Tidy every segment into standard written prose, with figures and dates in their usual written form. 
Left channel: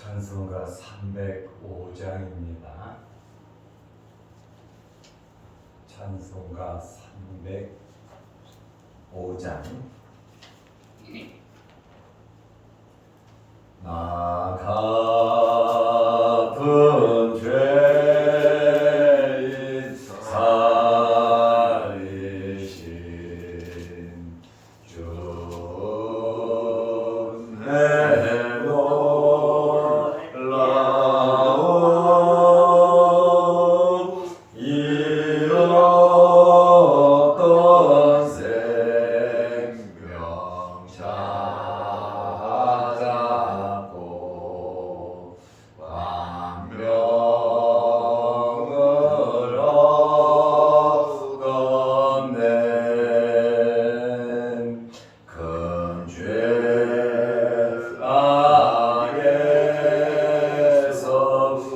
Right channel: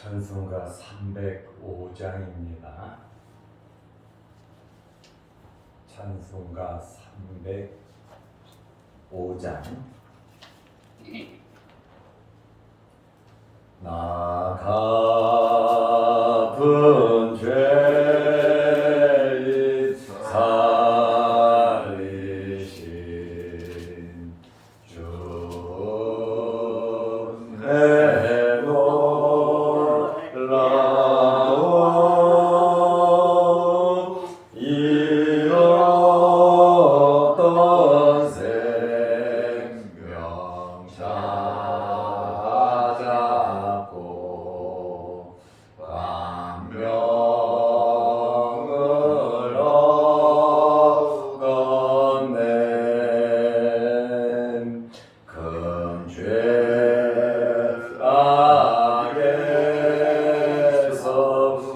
찬송가 305장입니다. 찬송가 305장. 나 같은 죄인 살리신 주 은혜 놀라워 이 어떤 생명 찾았고 광명을 얻었네. 큰 죄 악에서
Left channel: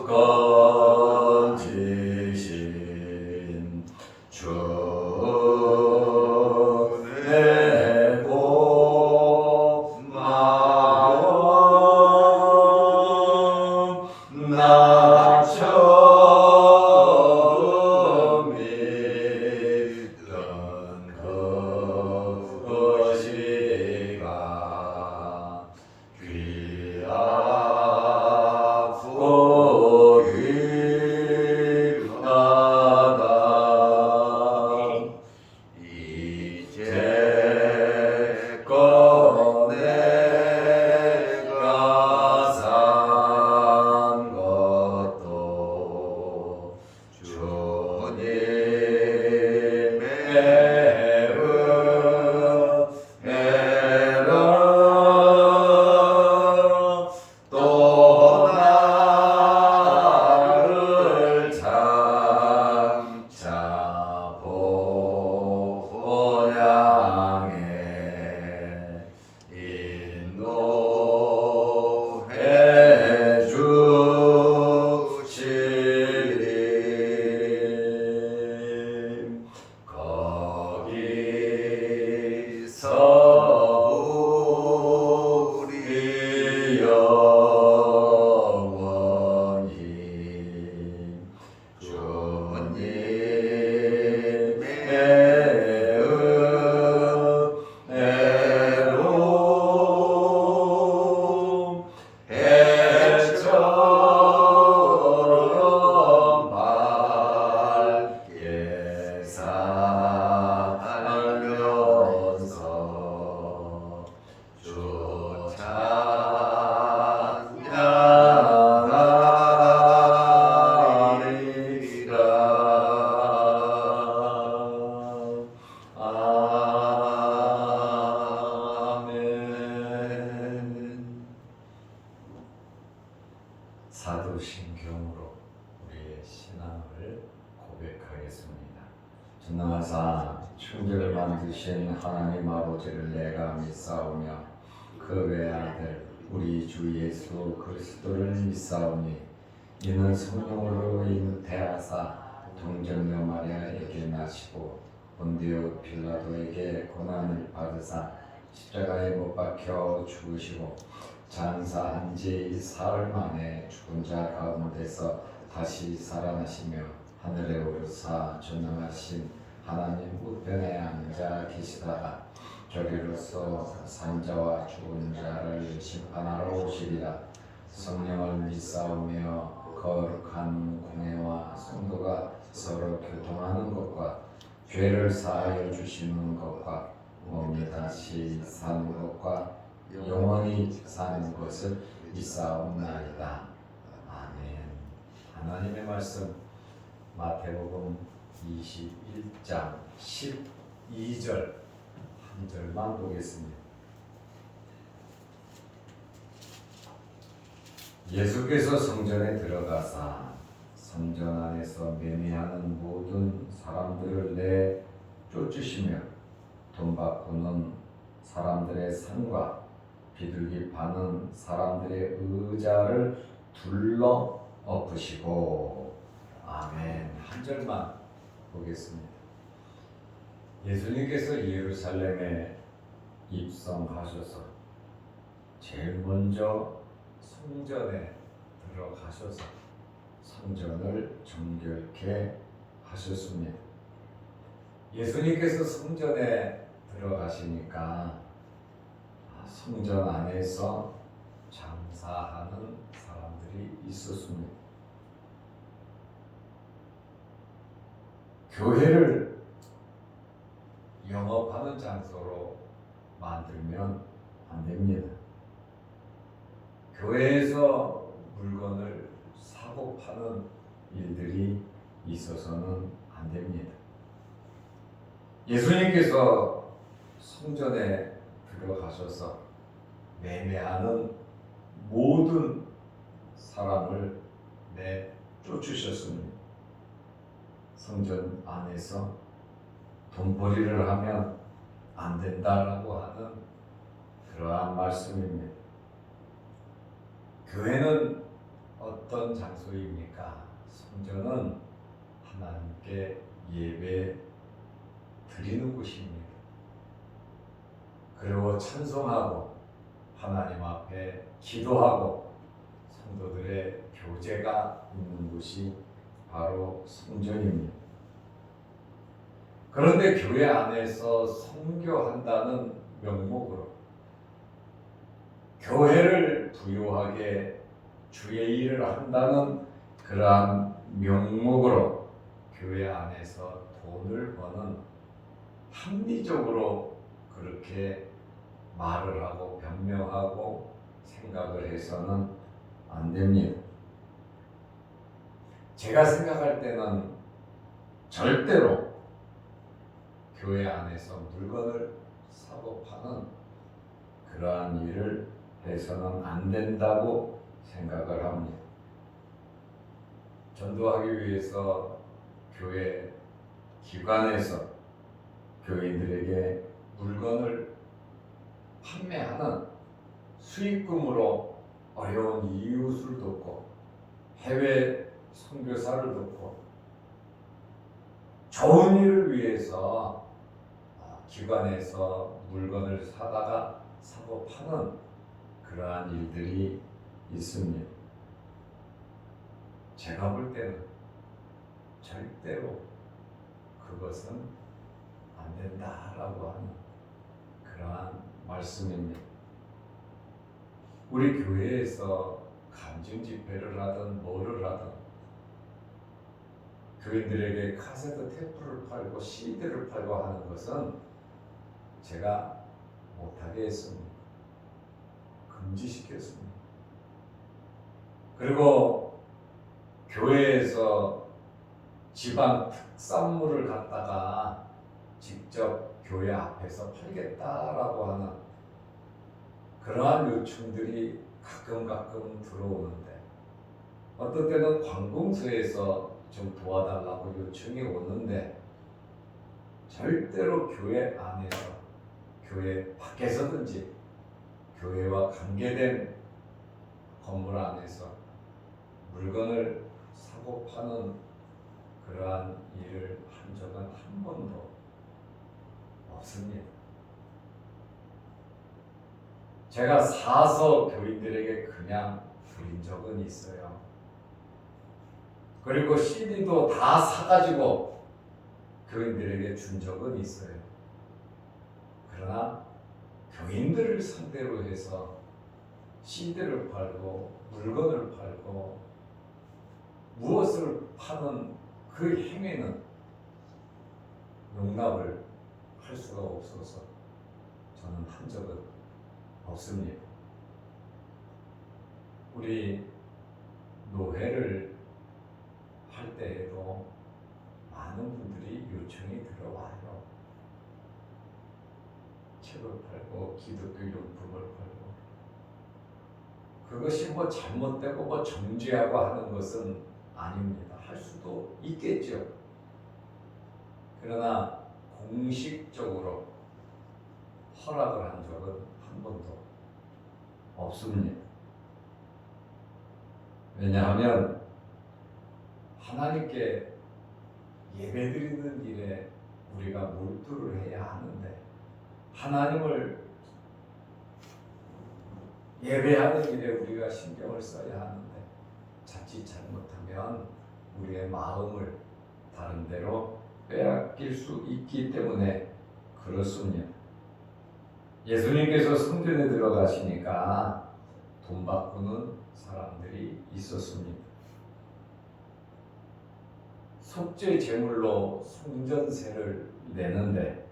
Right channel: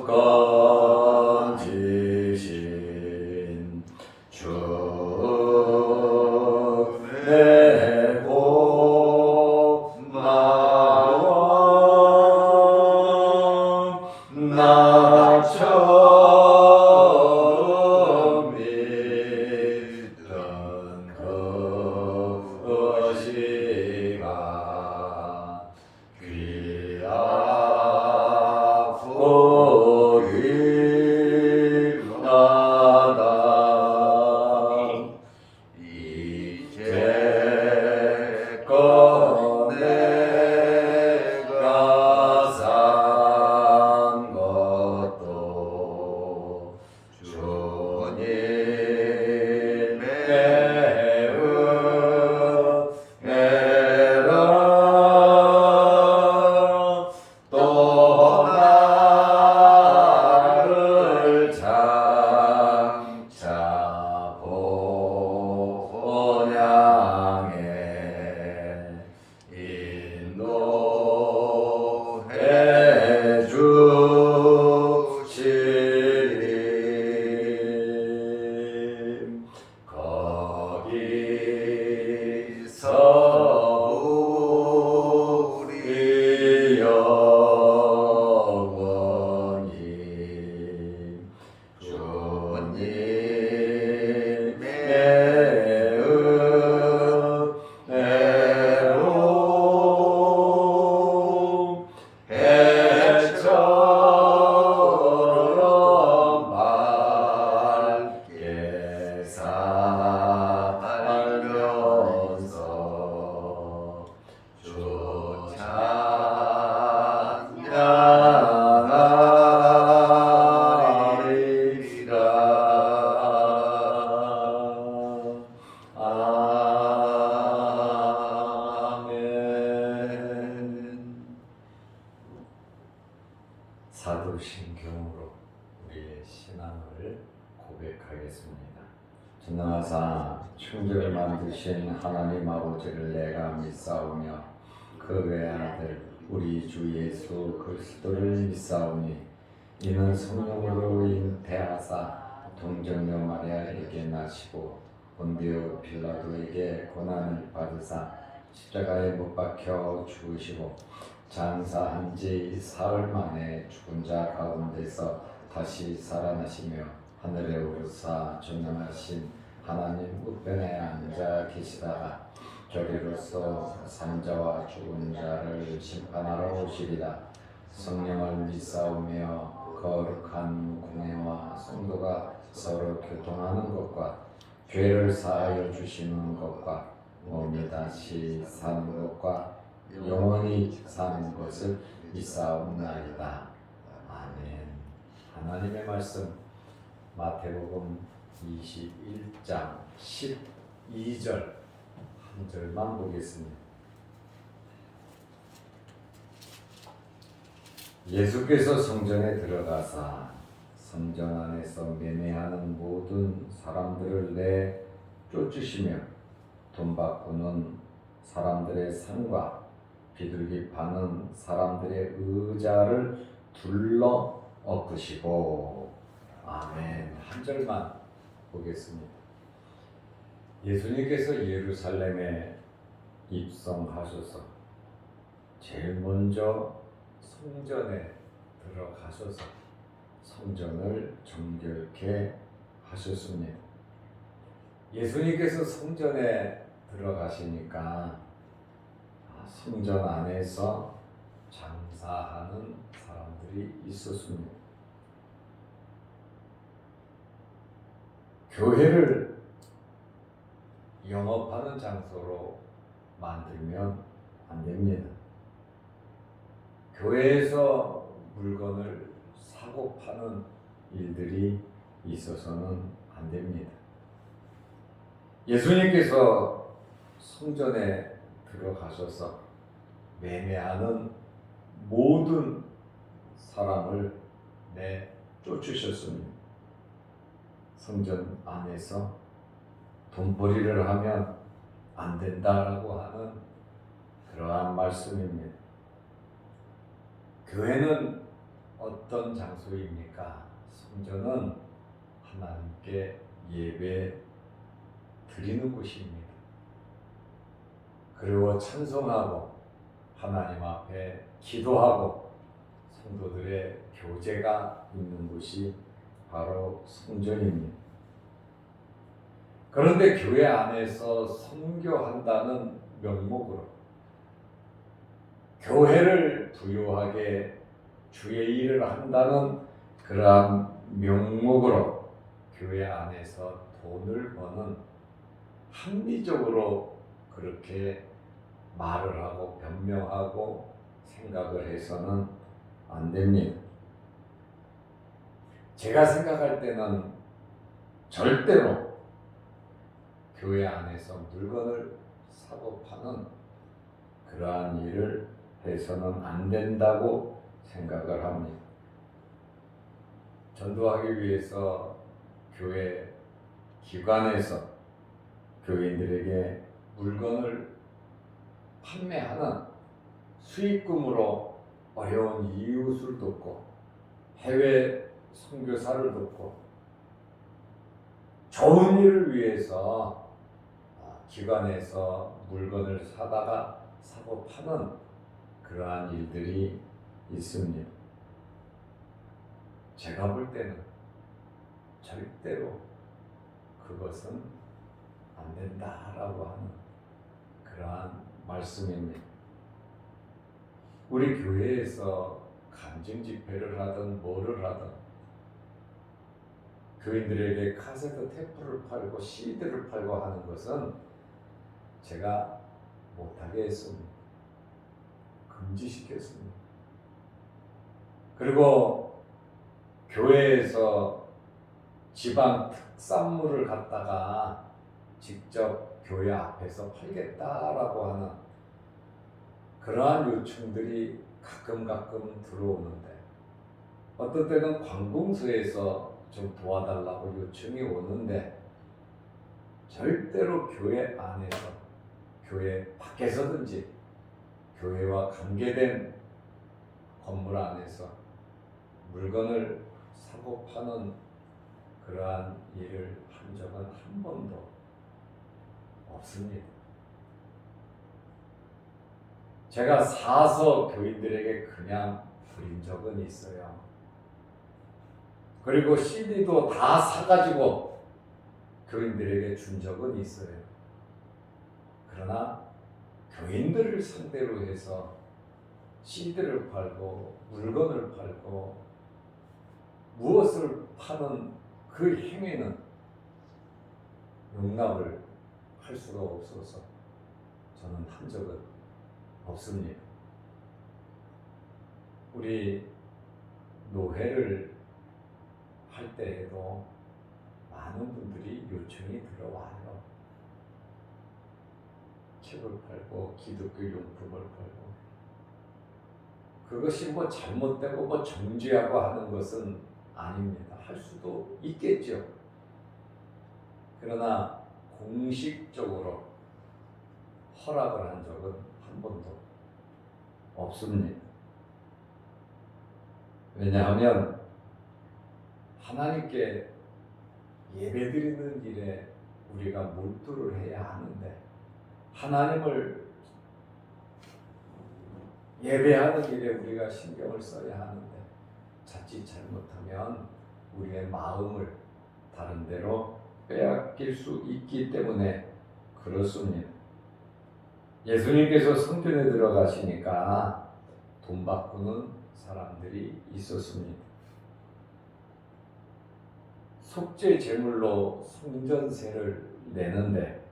건지신 주 은혜 고마워. 나 처음 믿은 그것이가 귀하고 귀하다. 이제껏 내가 산 것도 주님의 은혜라. 또 나를 장차 본 향해 인도해 주시리. 거기서 우리 영원히 주님의 은혜로 해처럼 밝게 살면서 주 찬양하리라. 아멘. 사도신경으로 우리의 신앙을 고백하겠습니다. 전능하사 천지를 만드신 하나님 아버지를 내가 믿사오며 그 외아들 우리 주 예수 그리스도를 믿사오니 이는 성령으로 잉태하사 동정녀 마리아에게 나시고 본디오 빌라도에게 고난을 받으사 십자가에 못 박혀 죽으시고 장사한 지 사흘 만에 죽은 자 가운데서 다시 살아나시며 하늘에 오르사 전능하신 하나님 우편에 앉아 계시다가 저리로서 산자와 죽은 자를 심판하러 오시리라. 성령을 믿사오며 거룩한 공회와 성도가 서로 교통하는 것과 죄를 사하여 주시는 것과 몸이 다시 사는 것과 영원히 사는 것을 믿사옵나이다. 아멘. 하나님의 말씀 마태복음 21장 12절 한 절만 보겠습니다. 예수께서 성전에 들어가사 성전 안에서 매매하는 모든 사람들을 내쫓으시며 돈 바꾸는 사람들의 상과 비둘기 파는 사람들의 의자를 둘러 엎으시고. 아멘. 한 절만 보겠습니다. 예수님께서 예루살렘에 입성하셔서 제일 먼저 성전에 들어가셔서 성전을 정결케 하셨습니다. 예수님께서 성전에 들어가시니까 성전 안에서 장사하는 사람들이 있었습니다. 교회를 영업하는 장소로 만들면 안 됩니다. 교회에서 물건을 사고 파는 일들이 있어서는 안 됩니다. 예수님께서 성전에 들어가셔서 매매하는 모든 사람을 내쫓으셨습니다. 성전 안에서 돈벌이를 하면 안 된다라고 하는 그러한 말씀입니다. 교회는 어떤 장소입니까? 성전은 하나님께 예배 드리는 곳입니다. 그리고 찬송하고 하나님 앞에 기도하고 성도들의 교제가 있는 곳이 바로 성전입니다. 그런데 교회 안에서 선교한다는 명목으로 교회를 부유하게 주의 일을 한다는 그러한 명목으로 교회 안에서 돈을 버는 합리적으로 그렇게 말을 하고 변명하고 생각을 해서는 안 됩니다. 제가 생각할 때는 절대로 교회 안에서 물건을 사고 파는 그러한 일을 해서는 안 된다고 생각을 합니다. 전도하기 위해서 교회 기관에서 교인들에게 물건을 판매하는 수익금으로 어려운 이웃을 돕고 해외 선교사를 돕고 좋은 일을 위해서 기관에서 물건을 사다가 사고 파는 그러한 일들이 있습니다. 제가 볼 때는 절대로 그것은 안 된다라고 하는 그러한 말씀입니다. 우리 교회에서 간증 집회를 하든 뭐를 하든 교인들에게 카세트 테이프를 팔고 CD를 팔고 하는 것은 제가 못하게 했습니다. 금지시켰습니다. 그리고 교회에서 지방 특산물을 갖다가 직접 교회 앞에서 팔겠다라고 하는 그러한 요청들이 가끔 들어오는데 어떤 때는 관공서에서 좀 도와달라고 요청이 오는데 절대로 교회 안에서 교회 밖에서든지 교회와 관계된 건물 안에서 물건을 사고 파는 그러한 일을 한 적은 한 번도 없습니다. 제가 사서 교인들에게 그냥 드린 적은 있어요. 그리고 CD도 다 사가지고 교인들에게 준 적은 있어요. 그러나 교인들을 상대로 해서 CD를 팔고 물건을 팔고 무엇을 파는 그 행위는 용납을 할 수가 없어서 저는 한 적은 없습니다. 우리 노회를 할 때에도 많은 분들이 요청이 들어와요. 책을 팔고 기독교 용품을 팔고 그것이 뭐 잘못되고 뭐 정죄하고 하는 것은 아닙니다. 할 수도 있겠죠. 그러나 공식적으로 허락을 한 적은 한 번도 없습니다. 왜냐하면 하나님께 예배드리는 일에 우리가 몰두를 해야 하는데 하나님을 예배하는 일에 우리가 신경을 써야 하는데 자칫 잘못하면 우리의 마음을 다른 데로 빼앗길 수 있기 때문에 그렇습니다. 예수님께서 성전에 들어가시니까 돈 바꾸는 사람들이 있었습니다. 속죄 제물로 성전세를 내는데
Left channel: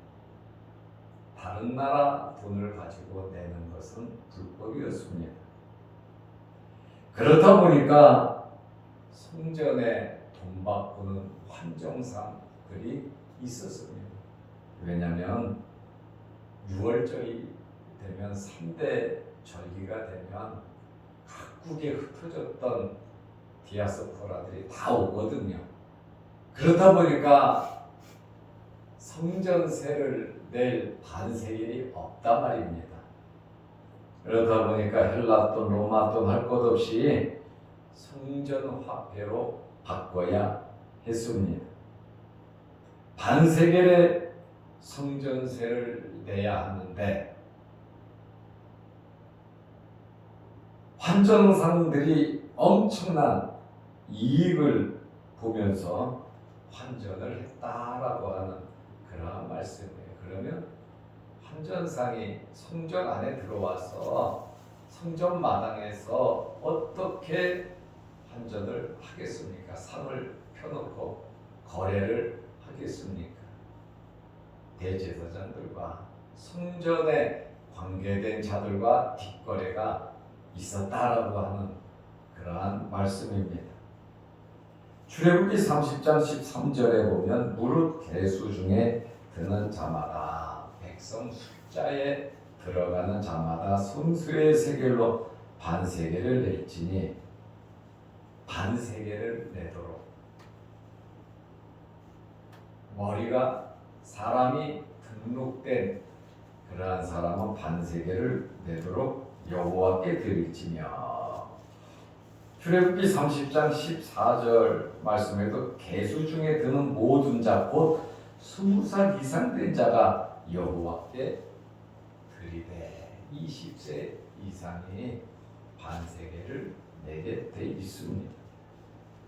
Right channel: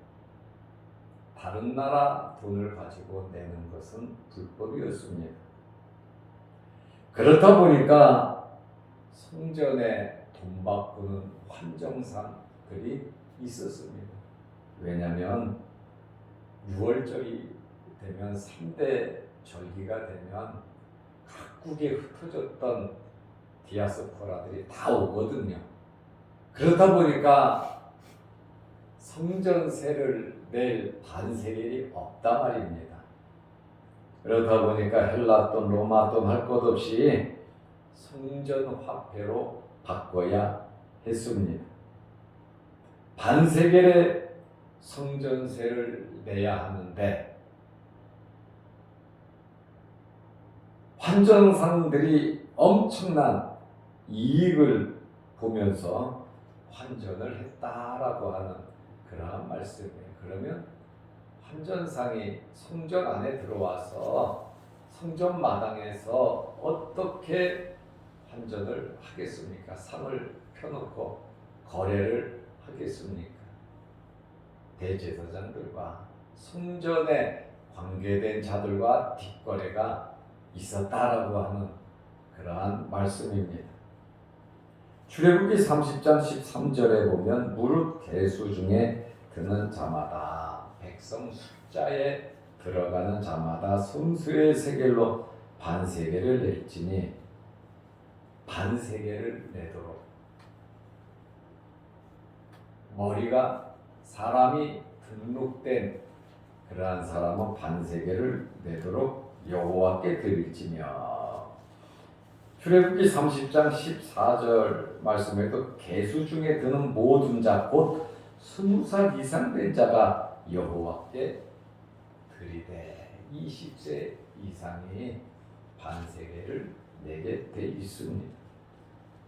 다른 나라 돈을 가지고 내는 것은 불법이었습니다. 그렇다 보니까 성전에 돈 바꾸는 환정상들이 있었습니다. 왜냐하면 6월절이 되면 3대 절기가 되면 각국에 흩어졌던 디아스포라들이 다 오거든요. 그렇다 보니까 성전세를 낼 반세겔이 없단 말입니다. 그렇다 보니까 헬라 돈, 로마 돈 할 것 없이 성전 화폐로 바꿔야 했습니다. 반세겔의 성전세를 내야 하는데 환전상들이 엄청난 이익을 보면서 환전을 했다라고 하는 그러한 말씀이에요. 그러면 환전상이 성전 안에 들어와서 성전 마당에서 어떻게 환전을 하겠습니까? 상을 펴놓고 거래를 하겠습니까? 대제사장들과 성전에 관계된 자들과 뒷거래가 있었다라고 하는 그러한 말씀입니다. 출애굽기 30장 13절에 보면 무릇 계수 중에 드는 자마다 백성 숫자에 들어가는 자마다 성수의 세겔로 반세겔을 낼지니 반세겔을 내도록 머리가 사람이 등록된 그러한 사람은 반세겔을 내도록 여호와께 드릴지며. 출애굽기 30장 14절 말씀에도 계수 중에 드는 모든 자 곧 20살 이상 된 자가 여호와께 드리되 20세 이상이 반세겔을 내게 돼 있습니다.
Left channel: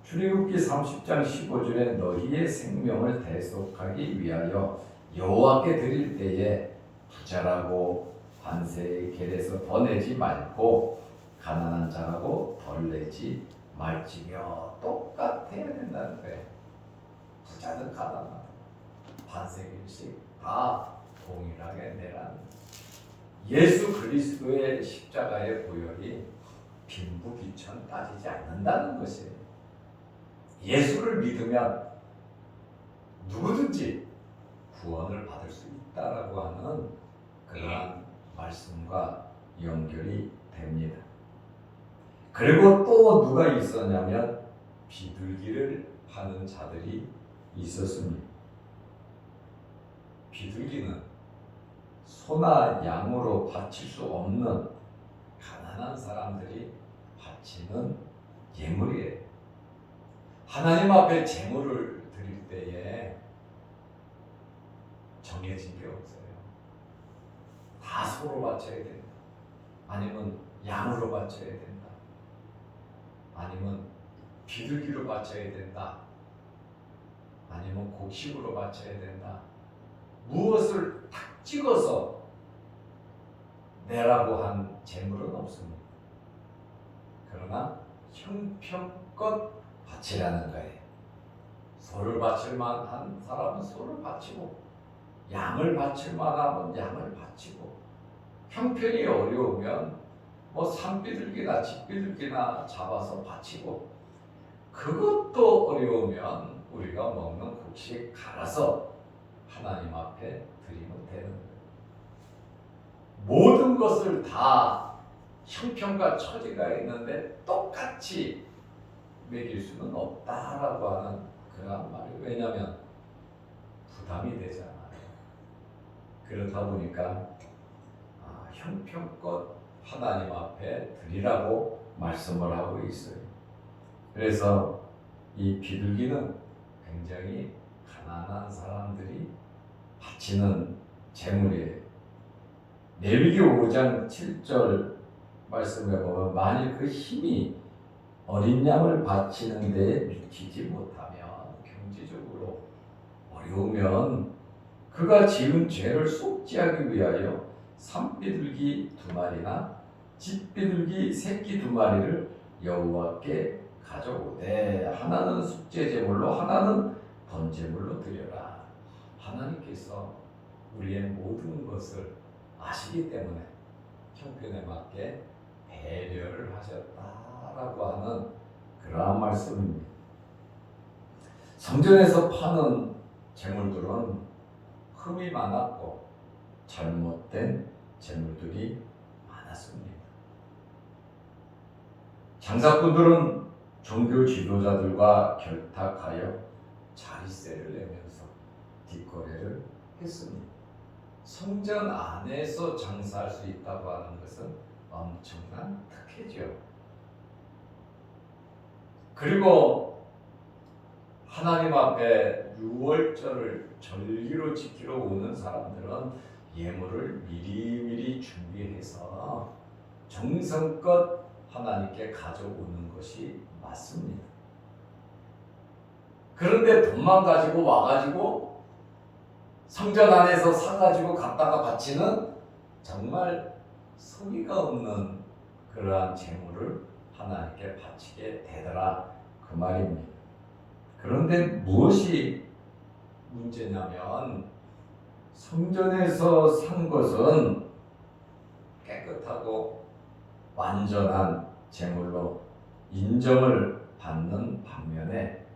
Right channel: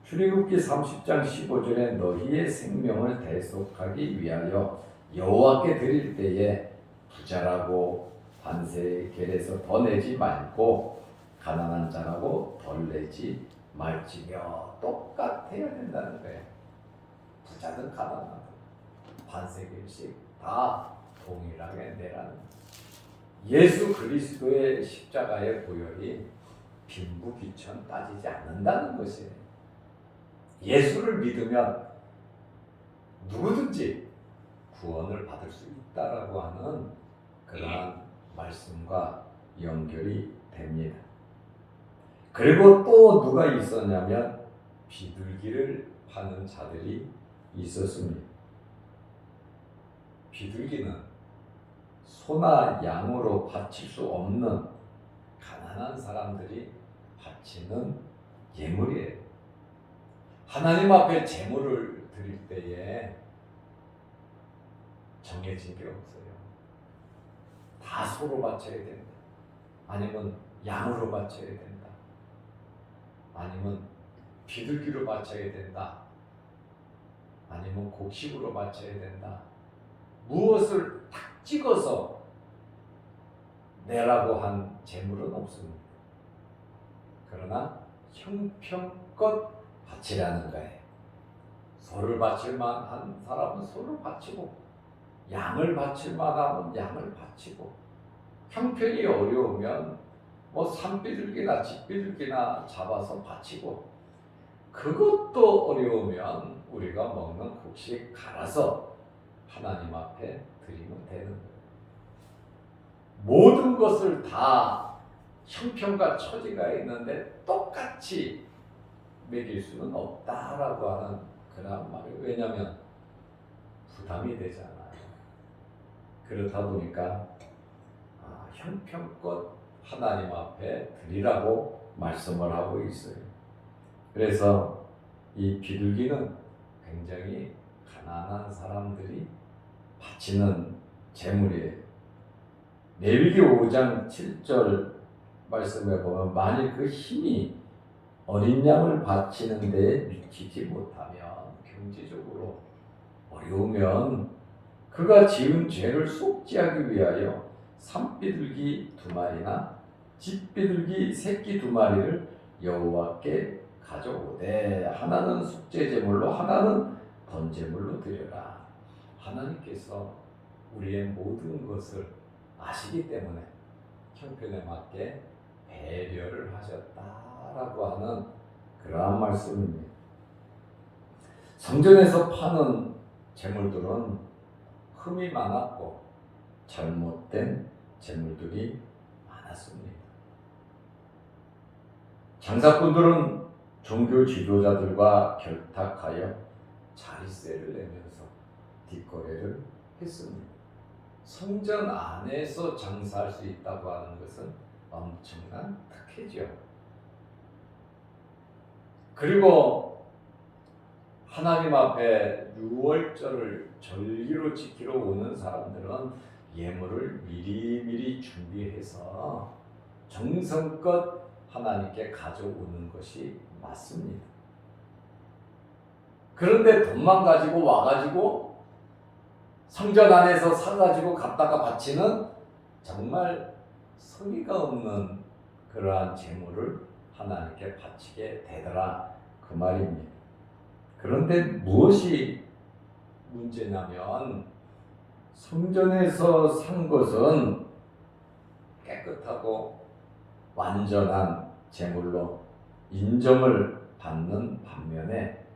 출애굽기 30장 15절에 너희의 생명을 대속하기 위하여 여호와께 드릴 때에 부자라고 반세겔에서 더 내지 말고 가난한 자라고 덜 내지 말지며. 똑같아야 된다는 거예요. 부자든 가난하든 반세겔씩 다 동일하게 내라는. 예수 그리스도의 십자가의 보혈이 빈부귀천 따지지 않는다는 것이에요. 예수를 믿으면 누구든지 구원을 받을 수 있다라고 하는 그러한 말씀과 연결이 됩니다. 그리고 또 누가 있었냐면 비둘기를 파는 자들이 있었습니다. 비둘기는 소나 양으로 바칠 수 없는 가난한 사람들이 바치는 예물이에요. 하나님 앞에 제물을 드릴 때에 정해진 게 없어요. 다 소로 바쳐야 된다. 아니면 양으로 바쳐야 된다. 아니면 비둘기로 바쳐야 된다. 아니면 곡식으로 바쳐야 된다. 무엇을 탁 찍어서 내라고 한 제물은 없습니다. 그러나 형편껏 바치라는 거예요. 소를 바칠 만한 사람은 소를 바치고 양을 바칠 만하면 양을 바치고 형편이 어려우면 뭐 산비둘기나 집비둘기나 잡아서 바치고 그것도 어려우면 우리가 먹는 곡식 갈아서 하나님 앞에 드리면 되는 거예요. 모든 것을 다 형편과 처지가 있는데 똑같이 먹일 수는 없다라고 하는 그런 말이에요. 왜냐하면 부담이 되잖아요. 그렇다 보니까 형편껏 하나님 앞에 드리라고 말씀을 하고 있어요. 그래서 이 비둘기는 굉장히 가난한 사람들이 바치는 제물이에요. 레위기 5장 7절 말씀에 보면 만일 그 힘이 어린 양을 바치는 데 미치지 못하면, 경제적으로 어려우면 그가 지은 죄를 속죄하기 위하여 산비둘기 2마리나 짖비둘기 새끼 2마리를 여호와께 가져오되 하나는 속죄 제물로 하나는 번제물로 드려라. 하나님께서 우리의 모든 것을 아시기 때문에 형편에 맞게 배려를 하셨다라고 하는 그러한 말씀입니다. 성전에서 파는 제물들은 흠이 많았고 잘못된 제물들이 많았습니다. 장사꾼들은 종교 지도자들과 결탁하여 자리세를 내면서 뒷거래를 했습니다. 성전 안에서 장사할 수 있다고 하는 것은 엄청난 특혜죠. 그리고 하나님 앞에 유월절을 절기로 지키러 오는 사람들은 예물을 미리미리 준비해서 정성껏 하나님께 가져오는 것이 맞습니다. 그런데 돈만 가지고 와가지고 성전 안에서 사가지고 갔다가 바치는 정말 성의가 없는 그러한 제물을 하나님께 바치게 되더라, 그 말입니다. 그런데 무엇이 문제냐면 성전에서 산 것은 깨끗하고 완전한 제물로 인정을 받는 반면에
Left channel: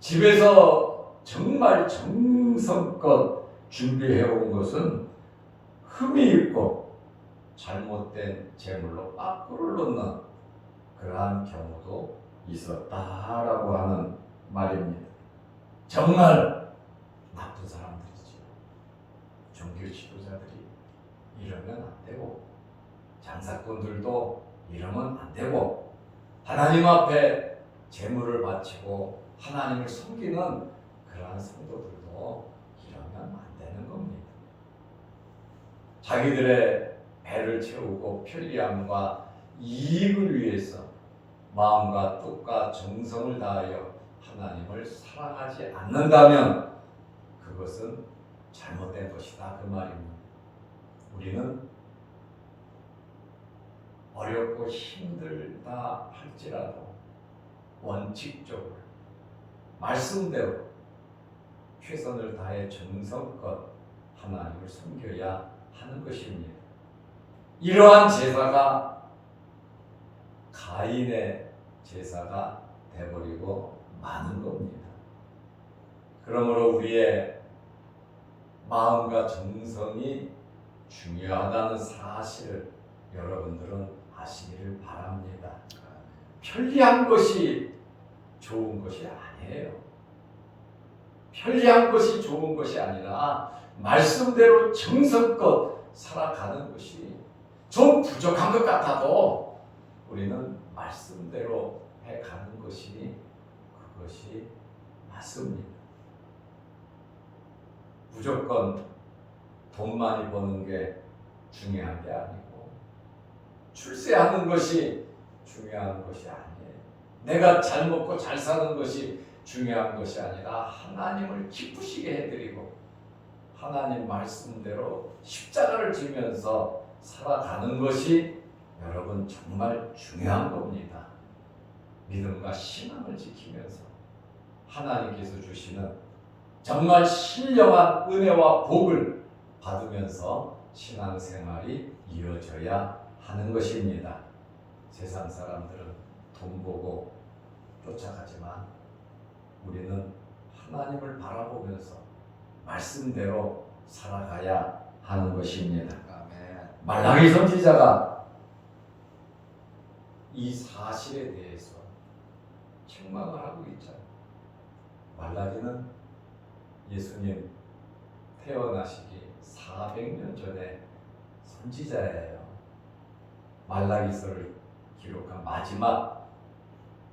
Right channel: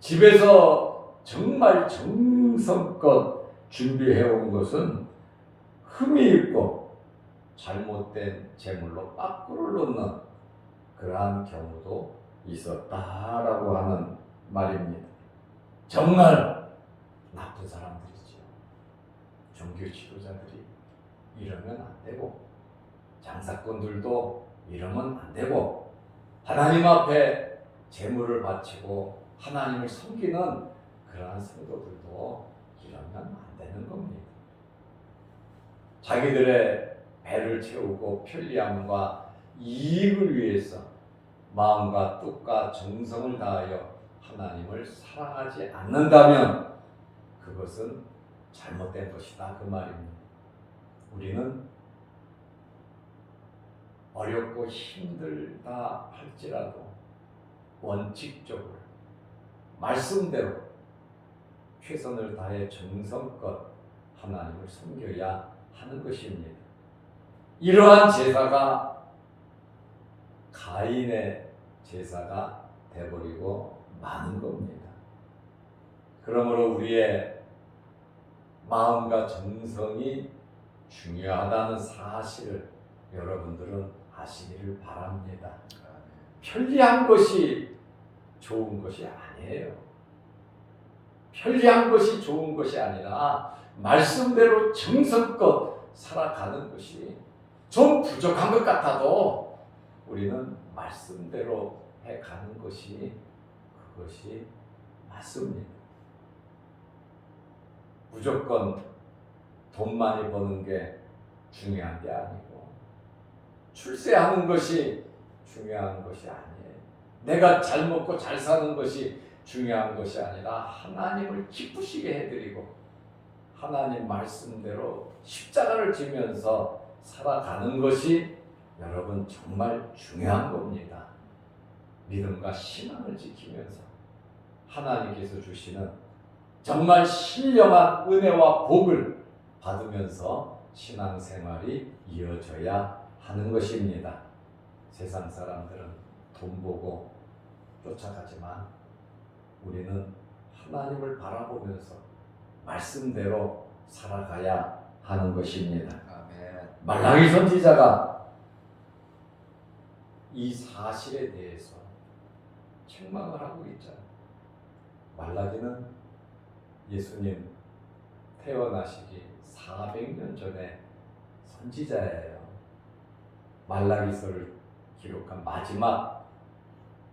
집에서 정말 정성껏 준비해온 것은 흠이 있고 잘못된 제물로 빠꾸를 놓는 그러한 경우도 있었다라고 하는 말입니다. 정말 나쁜 사람들이죠. 종교 지도자들이 이러면 안 되고, 장사꾼들도 이러면 안 되고, 하나님 앞에 제물을 바치고 하나님을 섬기는 그러한 성도들도 이러면 안 되는 겁니다. 자기들의 배를 채우고 편리함과 이익을 위해서 마음과 뜻과 정성을 다하여 하나님을 사랑하지 않는다면 그것은 잘못된 것이다, 그 말입니다. 우리는 어렵고 힘들다 할지라도 원칙적으로 말씀대로 최선을 다해 정성껏 하나님을 섬겨야 하는 것입니다. 이러한 제사가 가인의 제사가 되어버리고 마는 겁니다. 그러므로 우리의 마음과 정성이 중요하다는 사실을 여러분들은 아시기를 바랍니다. 편리한 것이 좋은 것이 아니에요. 편리한 것이 좋은 것이 아니라 말씀대로 정성껏 살아가는 것이, 좀 부족한 것 같아도 우리는 말씀대로 해가는 것이 그것이 맞습니다. 무조건 돈 많이 버는 게 중요한 게 아니고 출세하는 것이 중요한 것이 아니에요. 내가 잘 먹고 잘 사는 것이 중요한 것이 아니라 하나님을 기쁘시게 해드리고 하나님 말씀대로 십자가를 지면서 살아가는 것이 여러분 정말 중요한 겁니다. 믿음과 신앙을 지키면서 하나님께서 주시는 정말 신령한 은혜와 복을 받으면서 신앙생활이 이어져야 하는 것입니다. 세상 사람들은 돈 보고 쫓아가지만 우리는 하나님을 바라보면서 말씀대로 살아가야 하는 것입니다. 아멘. 말라기 선지자가 이 사실에 대해서 책망을 하고 있잖아요. 말라기는 예수님 태어나시기 400년 전에 선지자예요. 말라기서를 기록한 마지막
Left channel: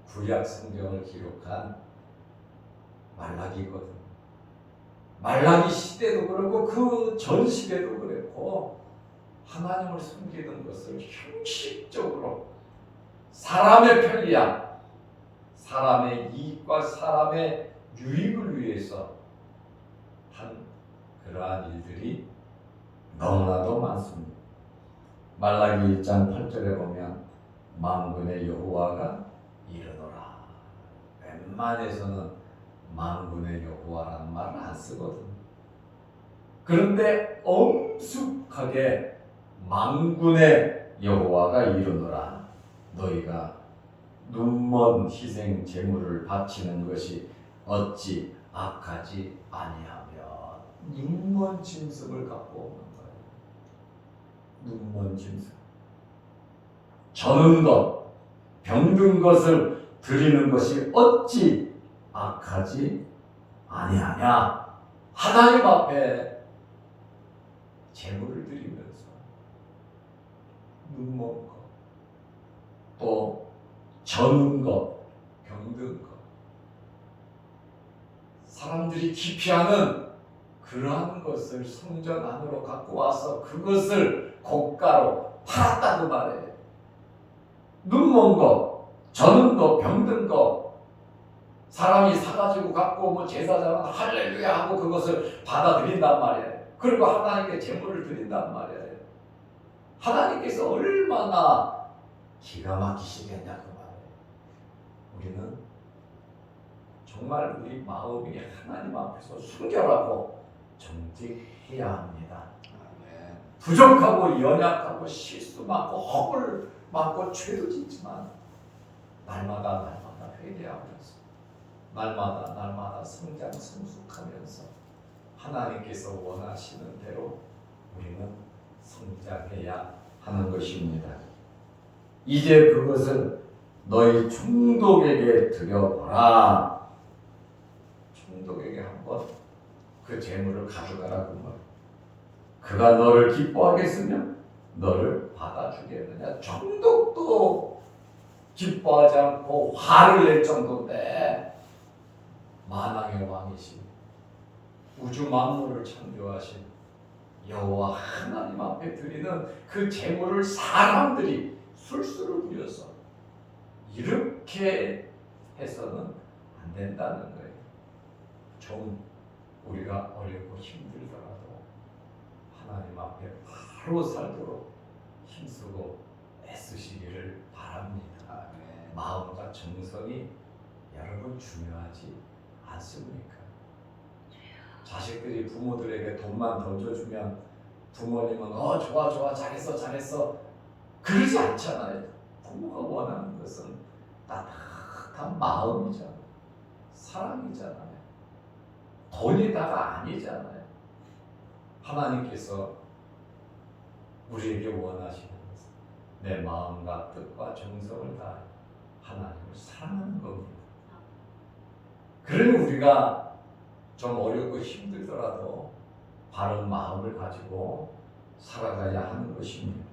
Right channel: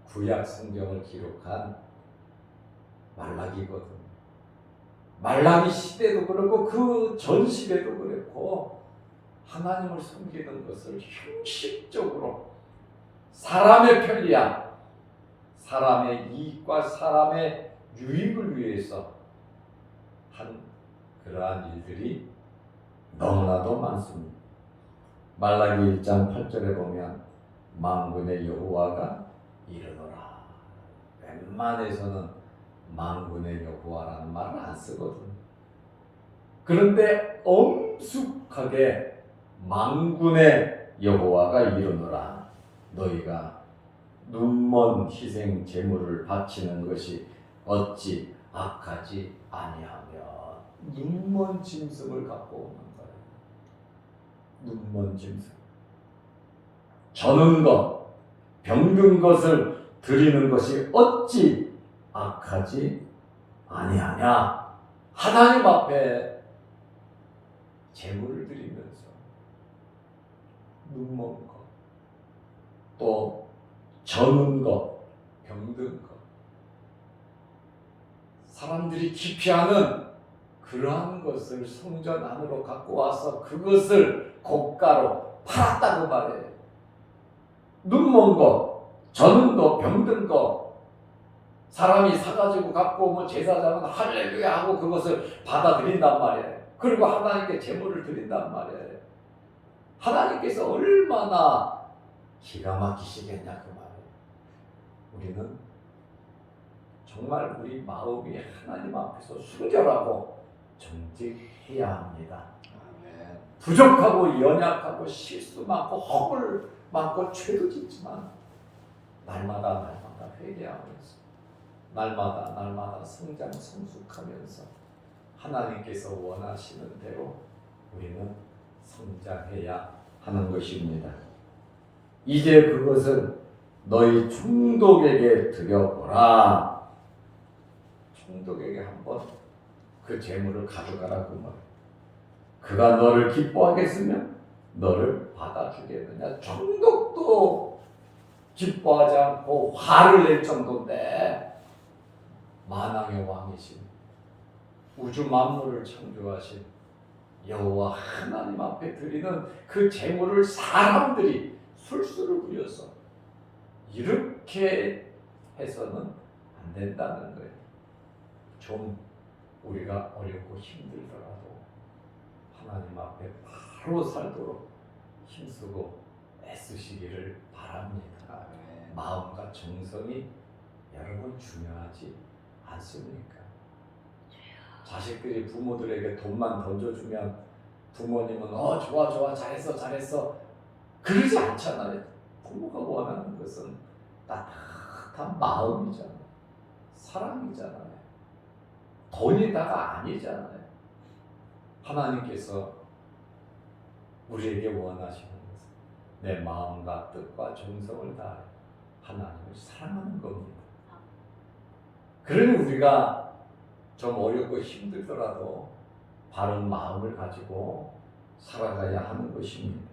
구약 성경을 기록한 말라기거든요. 말라기 시대도 그렇고 그 전 시대도 그랬고 하나님을 섬기는 것을 형식적으로 사람의 편리함, 사람의 이익과 사람의 유익을 위해서 한 그러한 일들이 너무나도 많습니다. 말라기 1장 8절에 보면 만군의 여호와가 이르노라. 웬만해서는 만군의 여호와라는 말을 안 쓰거든. 그런데 엄숙하게 만군의 여호와가 이르노라. 너희가 눈먼 희생 제물을 바치는 것이 어찌 악하지 아니하며. 눈먼 짐승을 갖고 오는 거예요. 눈먼 짐승. 저는 것, 병든 것을 드리는 것이 어찌 악하지 아니하냐. 하나님 앞에 제물을 드리면서 눈먼 것, 또 저는 것, 병든 것, 사람들이 기피하는 그러한 것을 성전 안으로 갖고 와서 그것을 고가로 팔았다고 말해요. 눈먼 것, 저는 것, 병든 것, 사람이 사가지고 갖고 오면 제사장은 할렐루야 하고 그것을 받아들인단 말이에요. 그리고 하나님께 제물을 드린단 말이에요. 하나님께서 얼마나 기가 막히시겠냐 그 말이에요. 우리는 정말 우리 마음이 하나님 앞에서 순결하고 정직해야 합니다. 아멘. 부족하고 연약하고 실수 많고 허물 많고 죄도 짓지만 날마다 회개하면서 날마다 성장 성숙하면서 하나님께서 원하시는 대로 우리는 성장해야 하는 것입니다. 이제 그것을 너희 총독에게 드려보라. 총독에게 한번 그 재물을 가져가라고 뭐. 그가 너를 기뻐하겠으면 너를 받아주겠느냐. 총독도 기뻐하지 않고 화를 낼 정도인데 만왕의 왕이신 우주 만물을 창조하신 여호와 하나님 앞에 드리는 그 재물을 사람들이 술수를 부려서 이렇게 해서는 안 된다는 거예요. 좀 우리가 어렵고 힘들더라도 하나님 앞에 바로 살도록 힘쓰고 애쓰시기를 바랍니다. 아멘. 마음과 정성이 여러분 중요하지 않습니까? 자식들이 부모들에게 돈만 던져주면 부모님은 좋아 잘했어 그러지 않잖아요. 부모가 원하는 것은 따뜻한 마음이잖아요. 사랑이잖아요. 돈이다가 아니잖아요. 하나님께서 우리에게 원하시는 것은 내 마음과 뜻과 정성을 다해 하나님을 사랑하는 겁니다. 그러니 우리가 좀 어렵고 힘들더라도 바른 마음을 가지고 살아가야 하는 것입니다.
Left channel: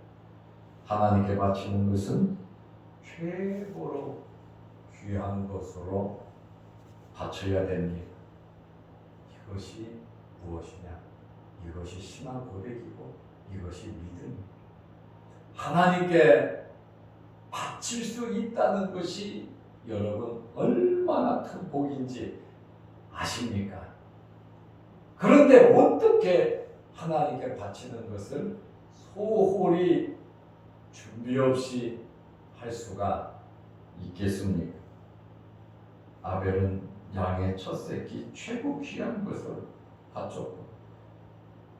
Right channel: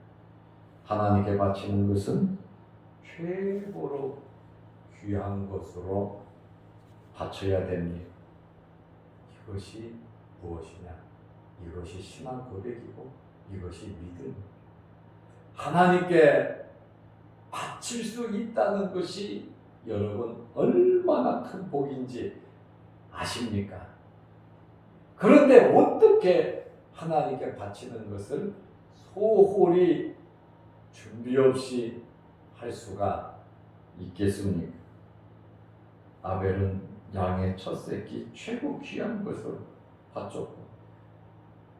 하나님께 바치는 것은 최고로 귀한 것으로 바쳐야 됩니다. 이것이 무엇이냐? 이것이 신앙 고백이고 이것이 믿음입니다. 하나님께 바칠 수 있다는 것이 여러분 얼마나 큰 복인지 아십니까? 그런데 어떻게 하나님께 바치는 것을 소홀히 준비 없이 할 수가 있겠습니까? 아벨은 양의 첫 새끼 최고 귀한 것을 바쳤고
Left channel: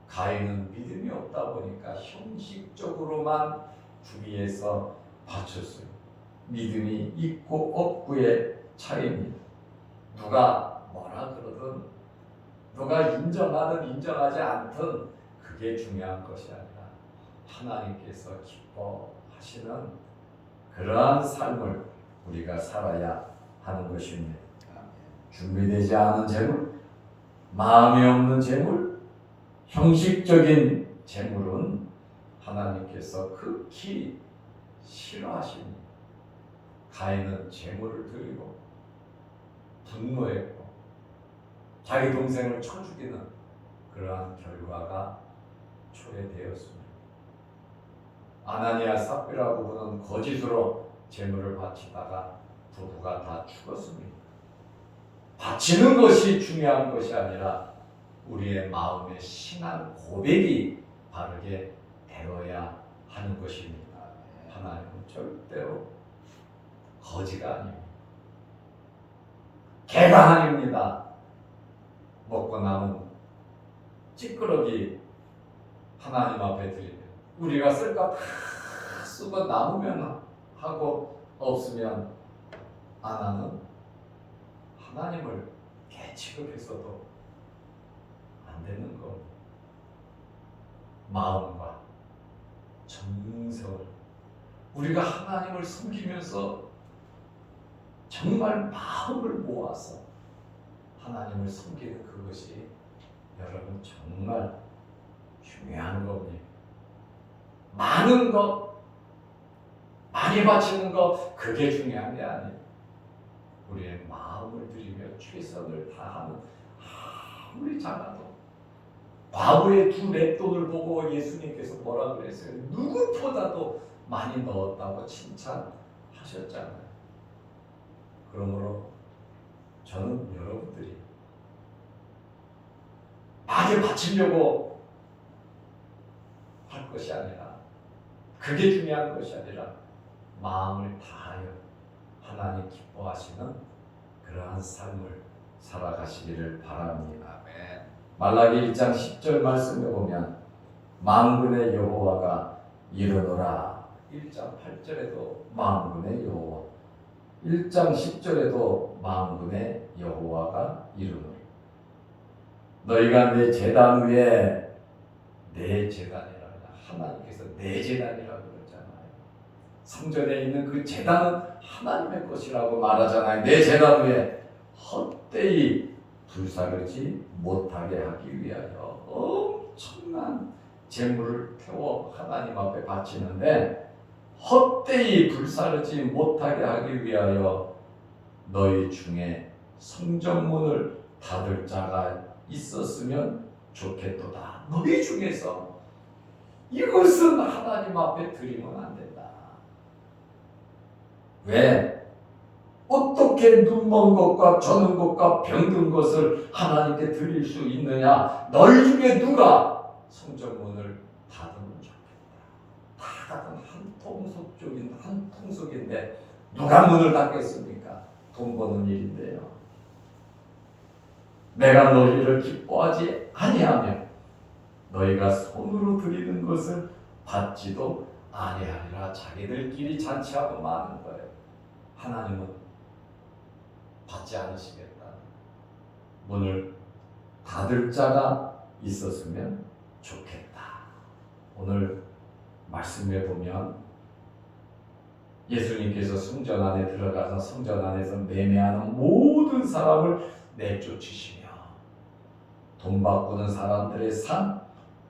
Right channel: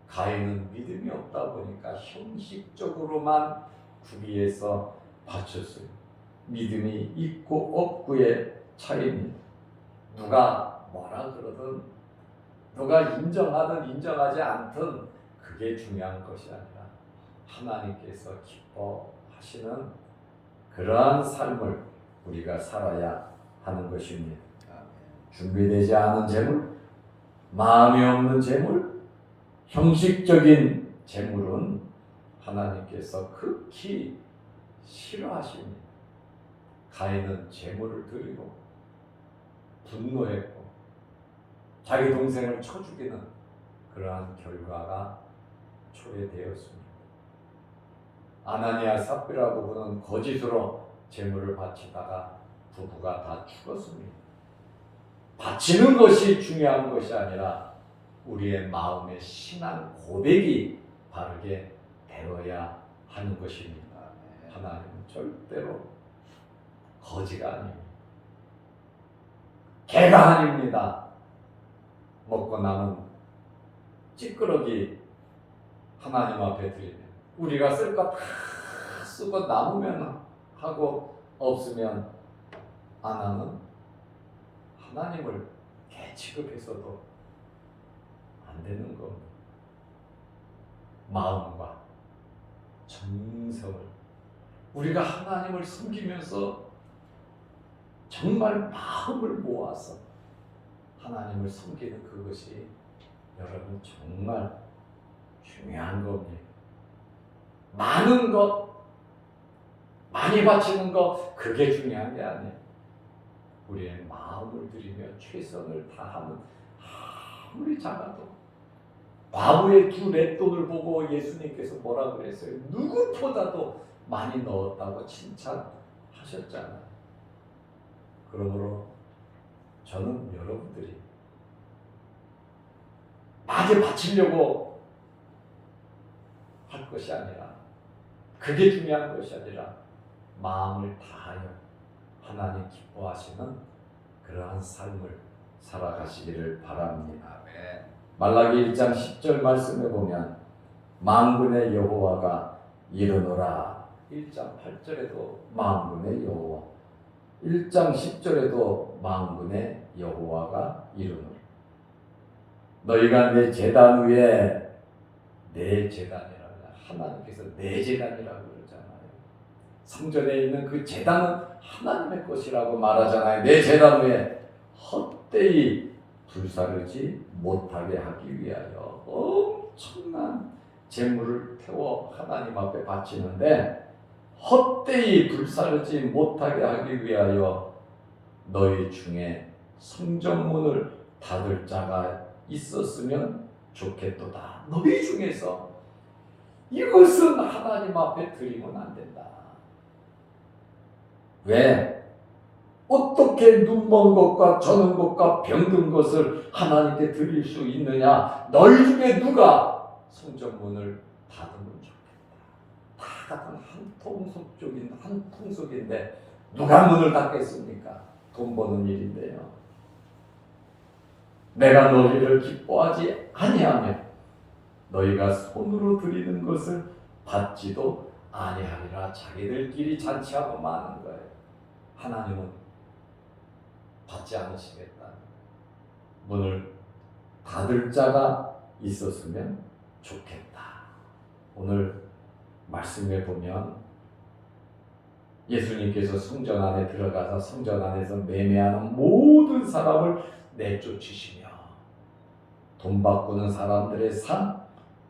가인은 믿음이 없다 보니까 형식적으로만 구비해서 바쳤어요. 믿음이 있고 없고의 차이입니다. 누가 뭐라 그러든 누가 인정하든 인정하지 않든 그게 중요한 것이 아니라 하나님께서 기뻐하시는 그러한 삶을 우리가 살아야 하는 것입니다. 준비되지 않은 재물, 마음에 없는 재물, 형식적인 재물은 하나님께서 극히 싫어하십니다. 가인은 재물을 드리고 분노했고 자기 동생을 쳐 죽이는 그러한 결과가 초래되었습니다. 아나니아 삽비라고 부르는 거짓으로 제물을 바치다가 부부가 다 죽었습니다. 바치는 것이 중요한 것이 아니라 우리의 마음의 신앙 고백이 바르게 되어야 하는 것입니다. 하나님은 절대로 거지가 아닙니다. 개가 아닙니다. 먹고 남은 찌끄러기 하나님 앞에 드리면 우리가 쓸 거 다 쓰고 남으면 하고 없으면 안 하는 하나님을 개 취급해서도 안 되는 겁니다. 마음과 정성을 우리가 하나님을 섬기면서 정말 마음을 모아서 하나님을 섬기는 그것이 여러분 정말 중요한 겁니다. 많은 것, 많이 바치는 것 그게 중요한 게 아니에요. 우리의 마음을 들이며 최선을 다하는 아무리 작아도 과부의 두 맷돈을 보고 예수님께서 뭐라 그랬어요? 누구보다도 많이 넣었다고 칭찬하셨잖아요. 그러므로 저는 여러분들이 많이 바치려고 할 것이 아니라 그게 중요한 것이 아니라 마음을 다하여 하나님 기뻐하시는 그러한 삶을 살아가시기를 바랍니다. 아멘. 말라기 1장 10절 말씀에 보면 만군의 여호와가 이르노라. 1장 8절에도 만군의 여호와, 1장 10절에도 만군의 여호와가 이르노라. 너희가 내 제단 위에 내 제단이라 하나님께서 내 제단이라고 그러잖아요. 성전에 있는 그 제단은 하나님의 것이라고 말하잖아요. 내 제단 위에 헛되이 불사르지 못하게 하기 위하여 엄청난 제물을 태워 하나님 앞에 바치는데 헛되이 불사르지 못하게 하기 위하여 너희 중에 성전문을 닫을 자가 있었으면 좋겠도다. 너희 중에서 이것은 하나님 앞에 드리면 안 된다. 왜? 어떻게 눈먼 것과 저는 것과 병든 것을 하나님께 드릴 수 있느냐? 너희 중에 누가 성전문을 닫으면 좋겠다. 다 같은 한 통속인데 누가 문을 닫겠습니까? 돈 버는 일인데요. 내가 너희를 기뻐하지 아니하며 너희가 손으로 드리는 것을 받지도 아니하리라. 자기들끼리 잔치하고 마는 거예요. 하나님은 받지 않으시겠다. 문을 닫을 자가 있었으면 좋겠다. 오늘 말씀에 보면 예수님께서 성전 안에 들어가서 성전 안에서 매매하는 모든 사람을 내쫓으시며 돈 바꾸는 사람들의 산,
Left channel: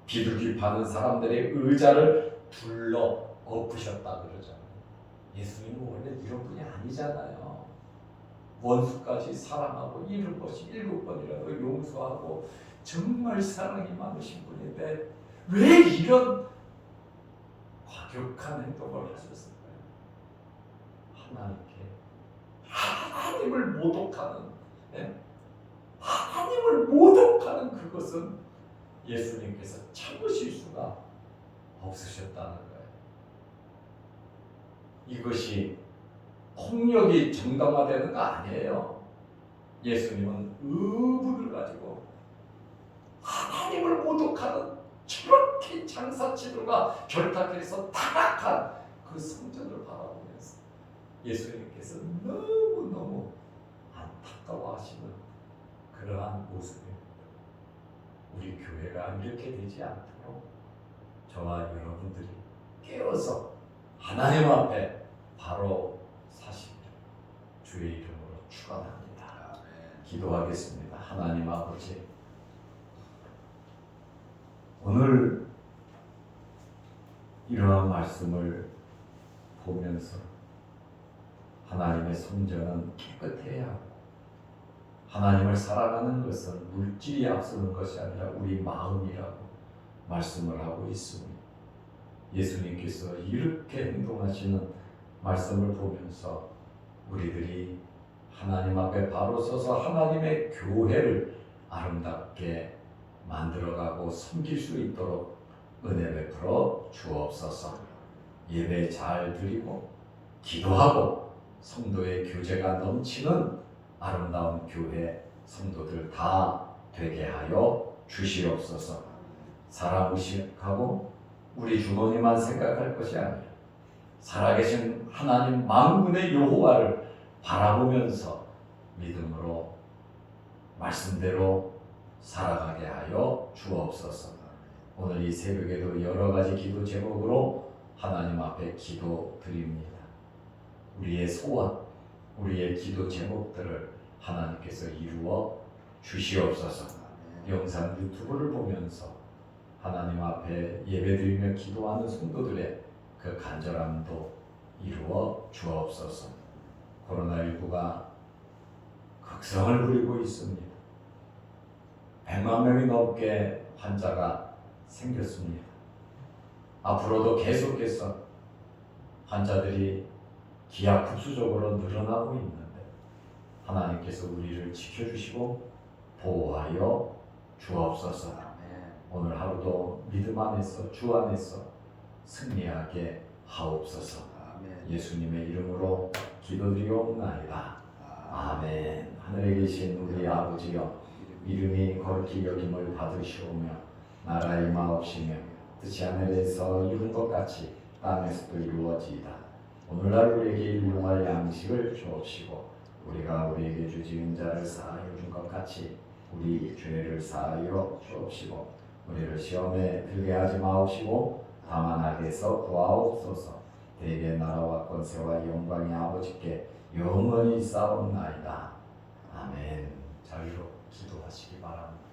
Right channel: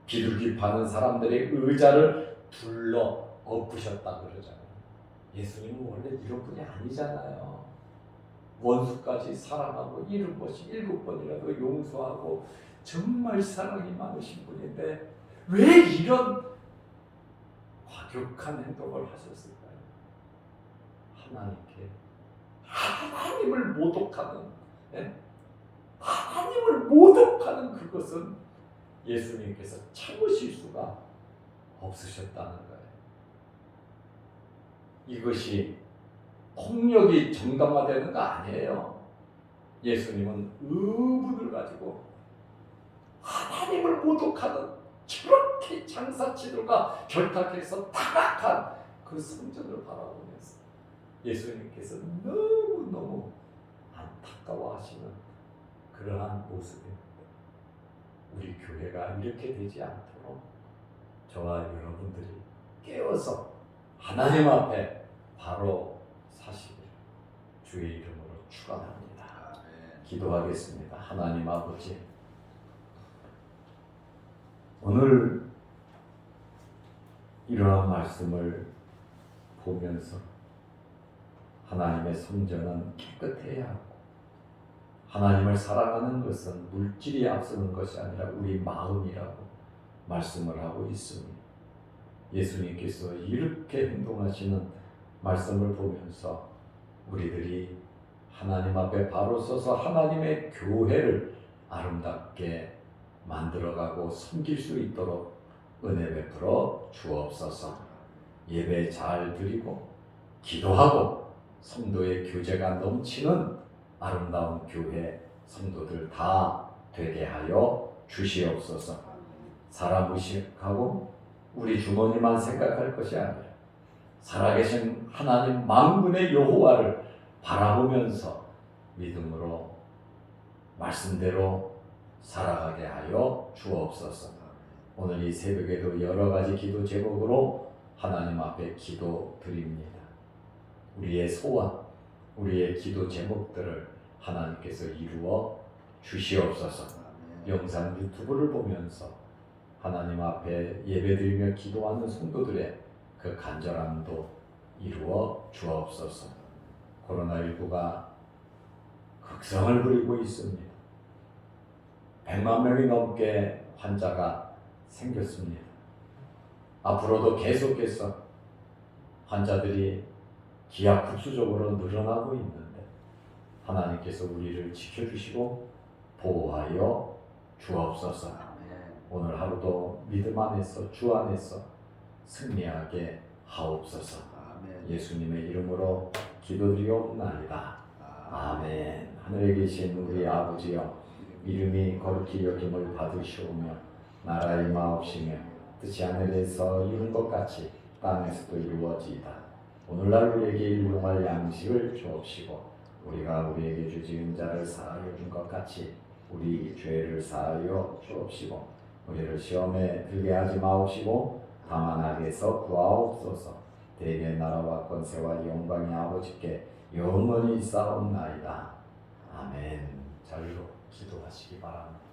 비둘기 파는 사람들의 의자를 둘러 엎으셨다 그러잖아요. 예수님은 원래 이런 분이 아니잖아요. 원수까지 사랑하고 이런 것이 7번이라도 용서하고 정말 사랑이 많으신 분인데 왜 이런 과격한 행동을 하셨을까요? 하나님께 하나님을 모독하는 하나님을 모독하는 그것은 예수님께서 참으실 수가 없으셨다는 거예요. 이것이 폭력이 정당화되는 거 아니에요. 예수님은 의분을 가지고 하나님을 모독하는 저렇게 장사치료가 결탁해서 타락한 그 성전을 바라보면서 예수님께서 너무너무 안타까워하시는 그러한 모습입니다. 우리 교회가 이렇게 되지 않도록 저와 여러분들이 깨어서 하나님 앞에 바로 사시기를 주의 이름으로 축원합니다. 기도하겠습니다. 하나님 아버지, 오늘 이러한 말씀을 보면서 하나님의 성전은 깨끗해야 하고 하나님을 사랑하는 것은 물질이 앞서는 것이 아니라 우리 마음이라고 말씀을 하고 있습니다. 예수님께서 이렇게 행동하시는 말씀을 보면서 우리들이 하나님 앞에 바로 서서 하나님의 교회를 아름답게 만들어가고 섬길 수 있도록 은혜 베풀어 주옵소서. 예배 잘 드리고 기도하고 성도의 교제가 넘치는 아름다운 교회 성도들 다 되게 하여 주시옵소서. 사람 의식하고 우리 주머니만 생각할 것이 아니라 살아계신 하나님 만군의 여호와를 바라보면서 믿음으로 말씀대로 살아가게 하여 주옵소서. 오늘 이 새벽에도 여러 가지 기도 제목으로 하나님 앞에 기도드립니다. 우리의 소원, 우리의 기도 제목들을 하나님께서 이루어 주시옵소서. 영상 유튜브를 보면서 하나님 앞에 예배드리며 기도하는 성도들의 그 간절함도 이루어 주옵소서. 코로나19가 극성을 부리고 있습니다. 100만 명이 넘게 환자가 생겼습니다. 앞으로도 계속해서 환자들이 기하급수적으로 늘어나고 있는데 하나님께서 우리를 지켜주시고 보호하여 주옵소서. 오늘 하루도 믿음 안에서 주 안에서 승리하게 하옵소서. 예수님의 이름으로 기도드리옵나이다. 아멘. 하늘에 계신 우리 아버지여, 이름이 거룩히 여김을 받으시오며 나라의 마옵시며 뜻이 하늘에서 이룬 것 같이 땅에서도 이루어지이다. 오늘날 우리에게 일용할 양식을 주옵시고 우리가 우리에게 주지은 자를 사하여 준 것 같이 우리 죄를 사하여 주옵시고 우리를 시험에 들게 하지 마옵시고 다만 악에서 구하옵소서. 대개 나라와 권세와 영광이 아버지께 영원히 있사옵나이다. 아멘. 자리로 기도하시기 바랍니다.